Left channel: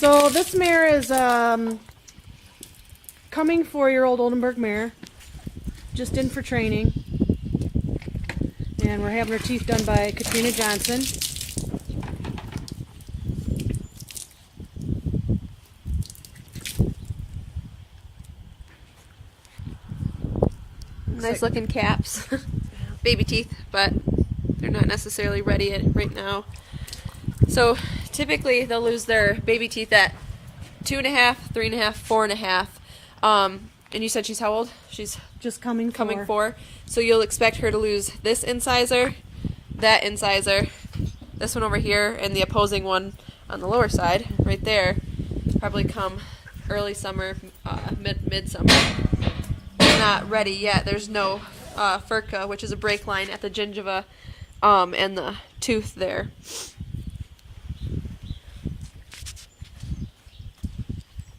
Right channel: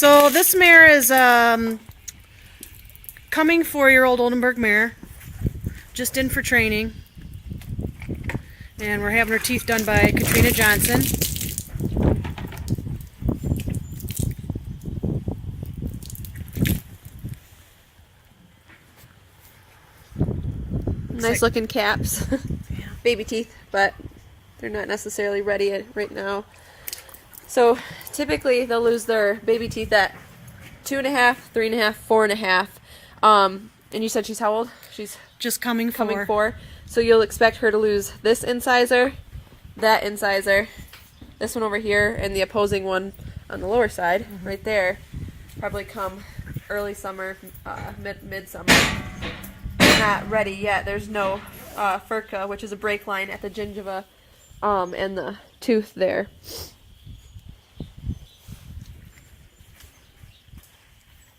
So this mare is coming 4-year-old Oldenburg mare, just in for training, and we're having her teeth done by Katrina Johnson. Nice looking caps. Baby teeth, but they're not necessarily ready right now. So typically they'll lose their baby teeth at 2.5, 3.5, 4.5. And you said she's how old? She's just coming 4. So you'll expect her to lose this incisor, that incisor, this one over here, and the opposing one on the lower side, right there. Probably come early summer, midsummer. They're not ready yet. There's no furca, which is a break line at the gingiva and the tooth there.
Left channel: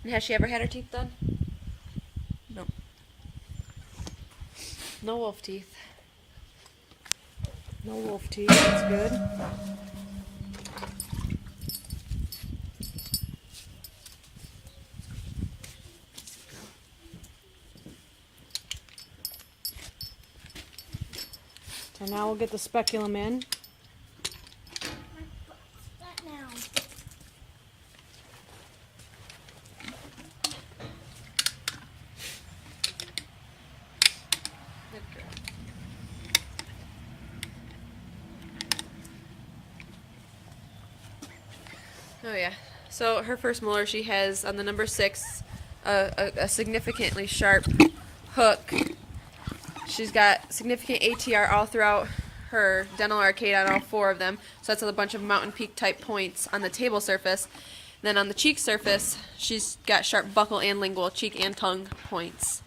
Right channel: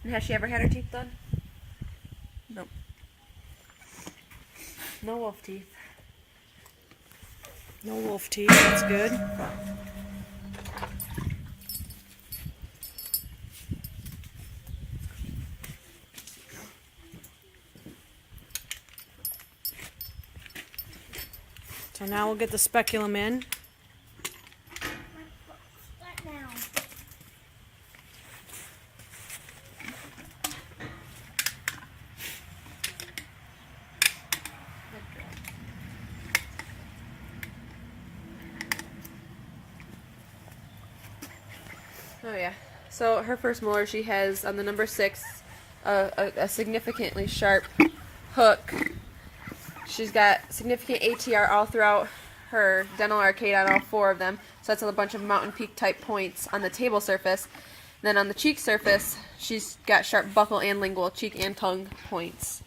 And has she ever had her teeth done? No. No wolf teeth. No wolf teeth, that's good. So now we'll get the speculum in. Oh yeah. So her first molar, she has on the number 6 a significantly sharp hook. She's got significant ATR all throughout her dental arcade on all 4 of them. So that's a bunch of mountain peak type points on the table surface. Then on the cheek surface, she's got sharp buccal and lingual, cheek and tongue points.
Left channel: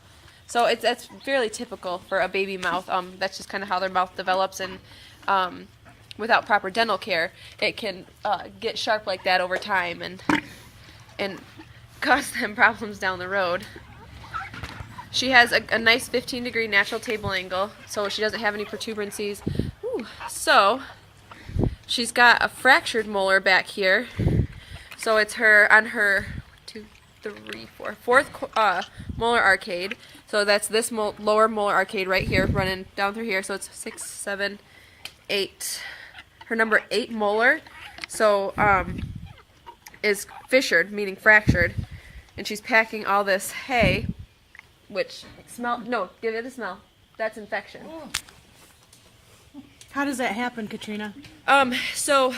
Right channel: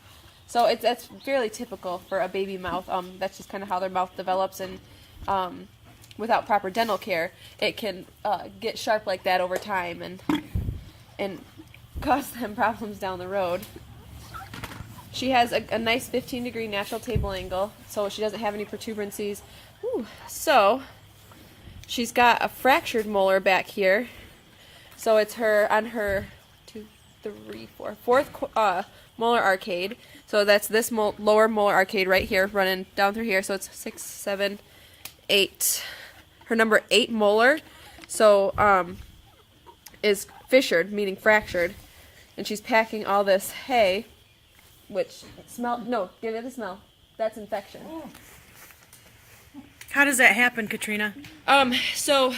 So that's fairly typical for a baby mouth. That's just kind of how their mouth develops, and without proper dental care, it can get sharp like that over time and cause them problems down the road. She has a nice 15-degree natural table angle, so she doesn't have any protuberancies. Ooh. So she's got a fractured molar back here. So it's on her 4th molar arcade. So that's this lower molar arcade right here, running down through here. So it's 6, 7, 8. Her number 8 molar, so is fissured, meaning fractured, and she's packing all this hay, which give it a smell. That's infection. How does that happen, Katrina? So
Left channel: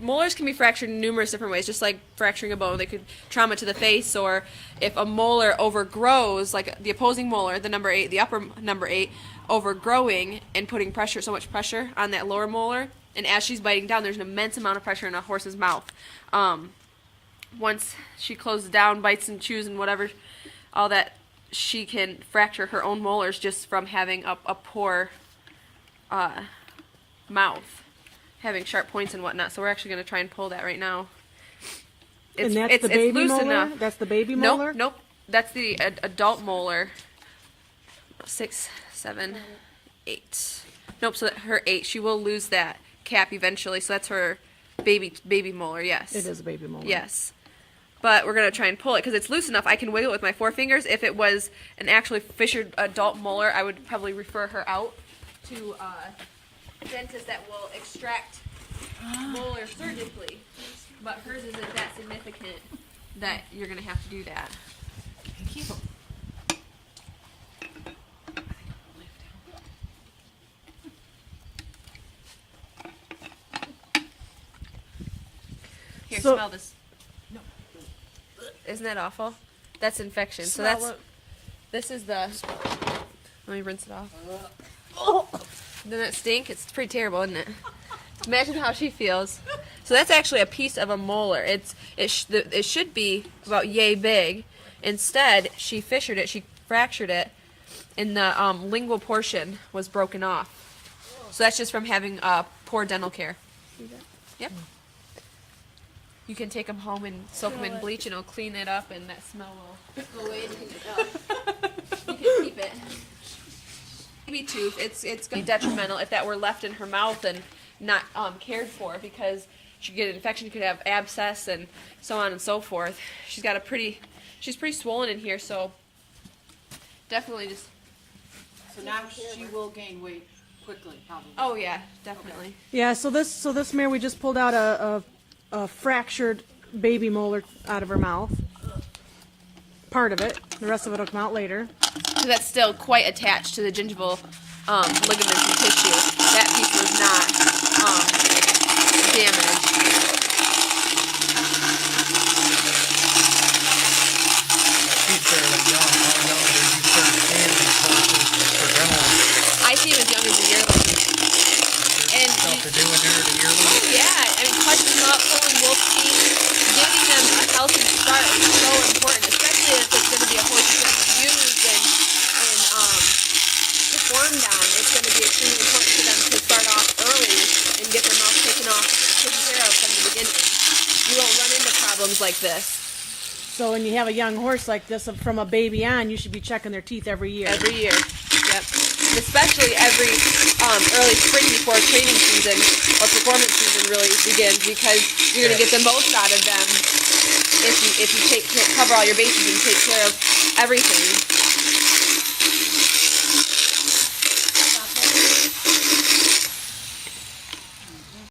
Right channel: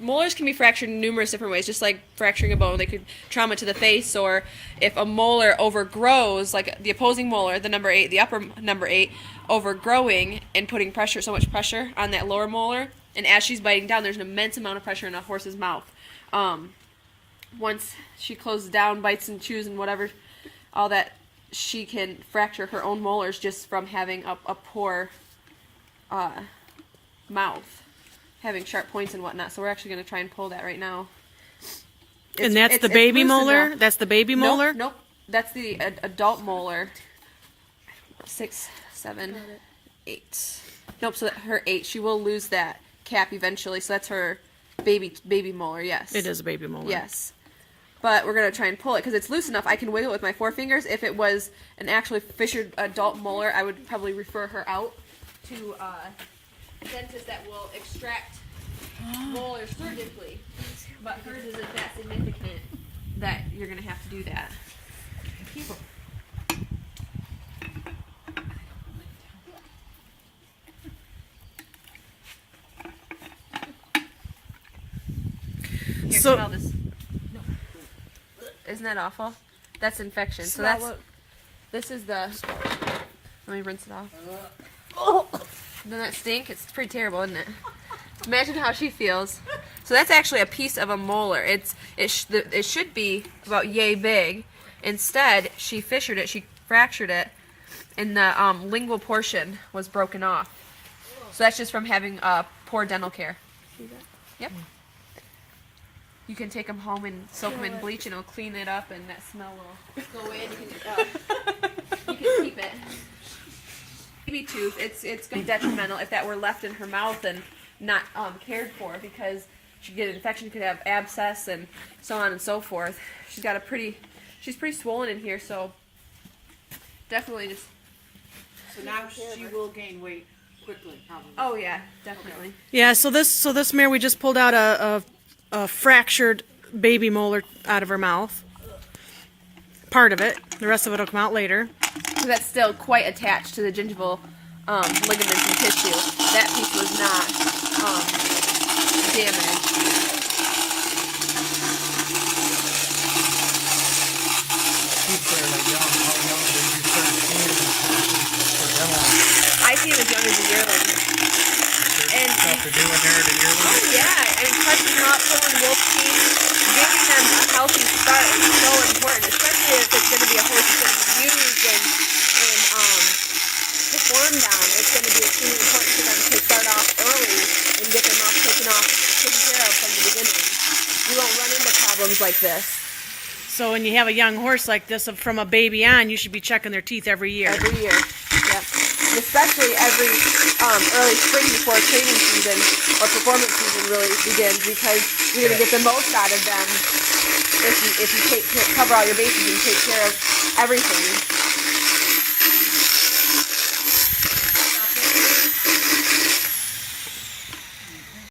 molars can be fractured in numerous different ways, just like fracturing a bone. They could trauma to the face, or if a molar overgrows, like the opposing molar, the number 8, the upper number 8, overgrowing and putting so much pressure on that lower molar. And as she's biting down, there's an immense amount of pressure in a horse's mouth. Once she closes down, bites and chews and whatever, all that, she can fracture her own molars just from having a poor mouth, having sharp points and whatnot. So we're actually going to try and pull that right now. And that's the baby molar? That's the baby molar? Nope. That's the adult molar. 6, 7, 8. Nope, so her 8. She will lose that cap eventually, so that's her baby molar, yes. It is a baby molar. Yes. But we're going to try and pull it because it's loose enough. I can wiggle it with my 4 fingers. If it was an actually fissured adult molar, I would probably refer her out to a dentist that will extract molars surgically. But hers isn't that significant that you're going to have to do that. Keep them. Here, So, smell this. No. Isn't that awful? That's infection. So this is the. Let me rinse it off. Doesn't that stink? It's pretty terrible, isn't it? Imagine how she feels. So that's actually a piece of a molar. It should be about yay big. Instead, she fissured it. She fractured it, and the lingual portion was broken off. So that's just from having poor dental care. See that? Yep. You can take them home and soak them in bleach, and it'll clean it up, and that smell will go away. And you can keep it. Baby tooth, it's going to be detrimental if that were left in her mouth and not cared for, because she could get an infection, could have abscess, and so on and so forth. She's pretty swollen in here, so definitely just. So now she will gain weight quickly, probably. Oh yeah, definitely. Yeah, so this mare, we just pulled out a fractured baby molar out of her mouth. Part of it. The rest of it will come out later. So that's still quite attached to the gingival ligaments and tissue. That piece was not damaged. She's fairly young. How young did you start seeing these horses for demo? I see him as young as a yearling. And Stuff to do in there to yearling? oh yeah, and touching them up, pulling wolf teeth, giving them a healthy start is so important, especially if it's going to be a horse that's going to be used and performed on. It's going to be extremely important for them to start off early and get their mouth taken care of from the beginning. You won't run into problems like this. So when you have a young horse like this, from a baby on, you should be checking their teeth every year. Every year. Yep. And especially every early spring before training season or performance season really begins, because you're going to get the most out of them if you cover all your bases and take care of everything.